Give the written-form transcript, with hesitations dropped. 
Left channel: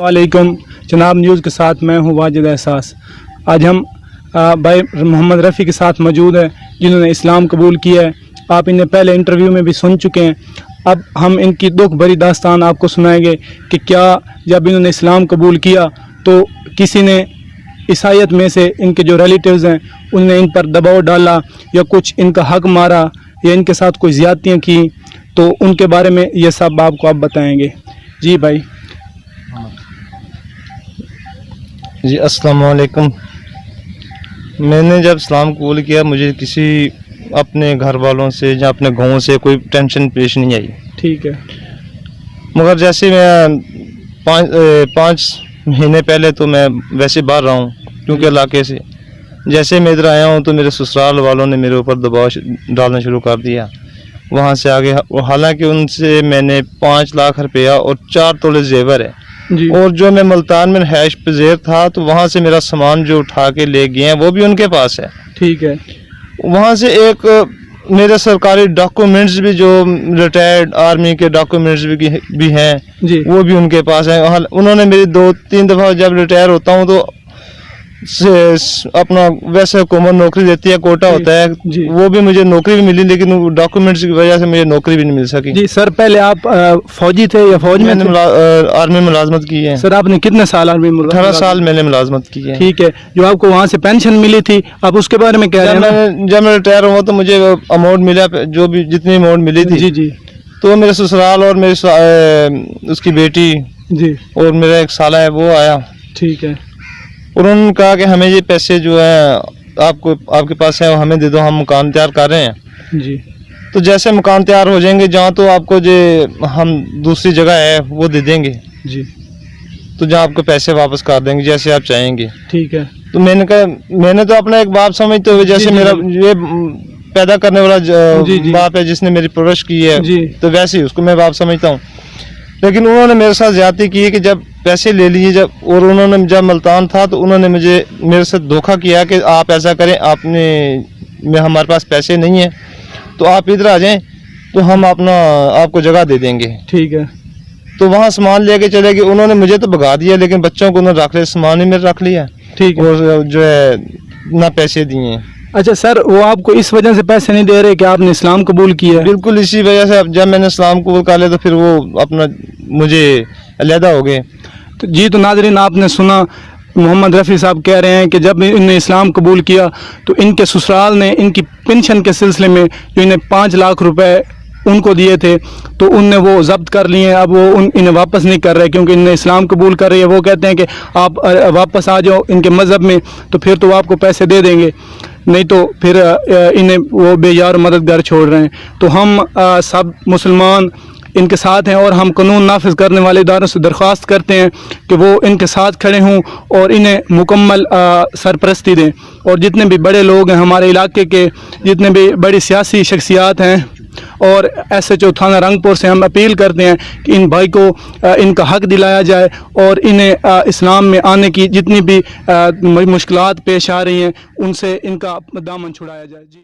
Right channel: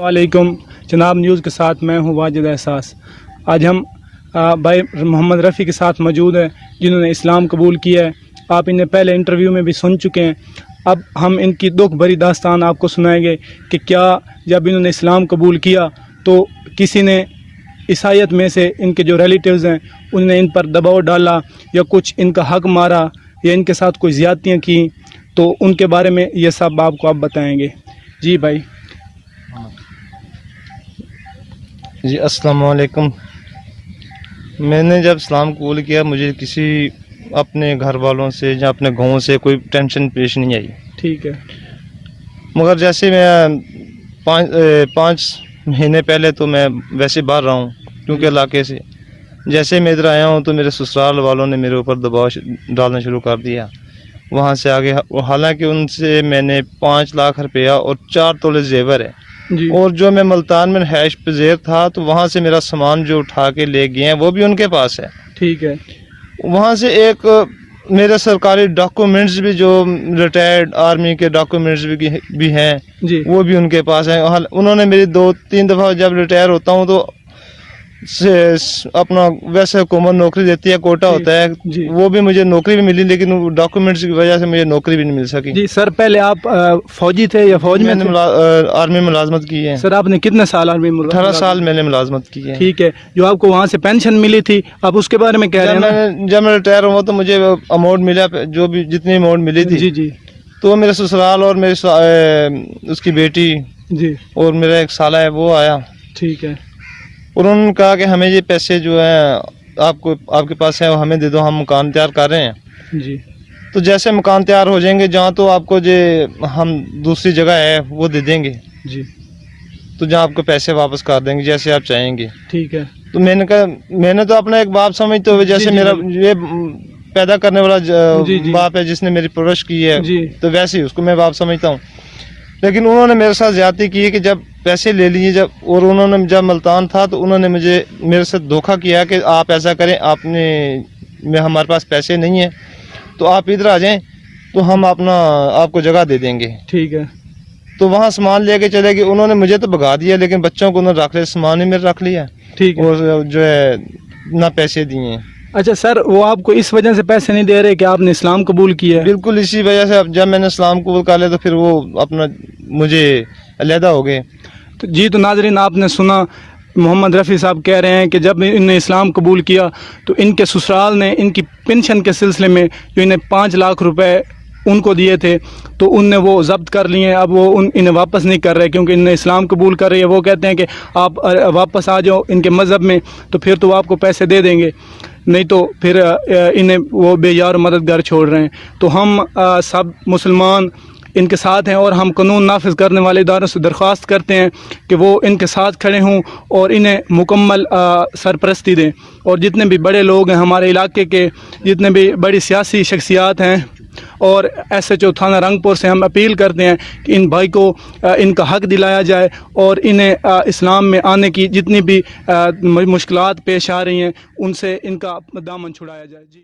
वालेकुम जनाब, न्यूज़ के साथ मैं हूँ वाजिद एहसास। आज हम भाई मोहम्मद रफ़ी के साथ मौजूद हैं जिन्होंने इस्लाम कबूल किया है। आप इन्हें पहले इंटरव्यू में भी सुन चुके हैं। अब हम इनकी दुख भरी दास्तान आपको सुनाएंगे कि क्या जब इन्होंने इस्लाम कबूल किया तो किसी ने ईसाईयत में से इनके जो रिलेटिव्स हैं उनने इन पर दबाव डाला या कुछ इनका हक मारा या इनके साथ कोई ज़्यादतियाँ की, तो उनके बारे में ये सब आपको आप बताएंगे। जी भाई। जी अस्सलाम वालेकुम। मैंने जब इस्लाम कबूल किया मुझे किसी अपने घर वालों से या अपने गाँव से कोई टेंशन पेश नहीं आई। ठीक है। मगर जैसे मैं पाँच महीने पहले तो मैं वैसे बाहर रहा हूँ क्योंकि इलाके से जैसे मैं इधर आया हूँ तो मेरे ससुराल वालों ने मेरे ऊपर दबाव डालना शुरू कर दिया। वहाँ से आगे हालांकि उनसे मैंने 5 लाख रुपया और 4 तोले जेवर है जी। और जो मैं मुल्तान में हैश पजेर था तो वहाँ से मेरा सामान जो उठा के ले गए हैं वो भी उनके पास है। ठीक है। वहाँ से एक मेरे सरकारी डॉक्यूमेंट्स भी जो रिटायर्ड आर्मी के डॉक्यूमेंट्स भी हैं जी। वो भी उनके पास है। उन्होंने मेरी 2-3 दफ़ा जब रिटायर होता हूँ तो अपना वैसे हुकूमत नौकरी देती है, कोटा होता है जी। वो भी मुझे नौकरी भी मिली लेकिन डॉक्यूमेंट्स की वजह से मुझे नौकरी भी नहीं मिल सकी। जी सर, पहले आप फौजी थे या फौज में मैंने थे? आर्मी में मुलाजमत की है। सर आपने कितने साल आर्मी में? 18 साल मैंने मुलाजमत की है। ठीक है। जो आपको वहाँ से पेंशन मिली थी आप उसके बारे में कह रहे हैं? जब मैं रिटायर हुआ तो मुझे अमाउंट मिला, जो भी जितनी अमाउंट मिली थी जी जी। तो मेरे ससुराल और मेरी उसकी बेटी जी और मेरा एक साला है वो आया। ठीक है। उन्होंने कहा कि हमें ये पैसे जो है आपके पास है वो हमें दे दो, हम मकान तैयार कर रहे हैं। जी। तो जैसे मकान तैयार हो जाएंगे जहाँ तो आपको जो हम दूसरी जगह है वो दे देंगे जी। तो जहाँ आपको पैसे वापस कर देंगे जैसे आप चाहेंगे। ठीक है। तो मैंने कहा मैंने तो अपना एक बाप समझते हुए जैसे मेरा ये पैदा करने वाला बाप है जिसने मेरी परवरिश की है तो वैसे ही उसको मैं बाप समझता हूँ। लेकिन उन्होंने मेरे साथ ज्यादती की है कि जब पैसे ले लिए जब और उन्होंने जब मुल्तान था तो उन्होंने मेरे साथ धोखा किया कि आप ऐसा करें, हमारे पास पैसे नहीं है तो आप इधर आ जाएं तो हम आपको जगह दे देंगे। ठीक है। तो वहाँ सामान लेके चले गए। उन्होंने मुझे तो भगा दिया लेकिन बच्चों को उन्होंने रख लिया, सामान ही मेरे रख लिया। ठीक है। और जो है ना पैसे दिए। अच्छा सर, वो आपको इस वजह से पैसे नहीं दे रहे कि आपने इस्लाम कबूल किया है? बिल्कुल इसी वजह से जब मैंने इस्लाम कबूल कर लिया तो फिर वो अपना मुझे अलहदा हो गए। तो जी, तो नाज़रीन आपने सुना मोहम्मद रफ़ी साहब कह रहे हैं कि जब इन्हें इस्लाम कबूल किया तो इनके ससुराल ने इनकी पेंशन के सिलसिले में जो इन्हें 5 लाख रुपए उनको दिए थे तो उनने वो जब्त कर लिए। अब वो इन्हें वापस नहीं कर रहे क्योंकि इन्हें इस्लाम कबूल कर रही है। वो कहते हैं कि आप वापस आ जाओ इनके मज़हब में तो फिर तो आपको पैसे दे देंगे, नहीं तो फिर इन्हें वो बेयार मददगार छोड़ रहे हैं। तो हम सब मुसलमान इनके साथ हैं और हम कानून नाफिज करने वाले इदारों से दरख्वास्त करते हैं कि वो इनके साथ खड़े हों और इन्हें मुकम्मल सरपरस्ती दें। और जितने भी बड़े लोग हैं हमारे इलाके के, जितने भी बड़ी सियासी शख्सियात हैं और SHO थाना रंगपुर से हम अपील करते हैं कि इन भाई को इनका हक दिलाया जाए और इन्हें इस्लाम में आने की जितनी भी मुश्किलात पेश आ रही हैं उनसे इनका दामन छुड़ाया जाए। जी।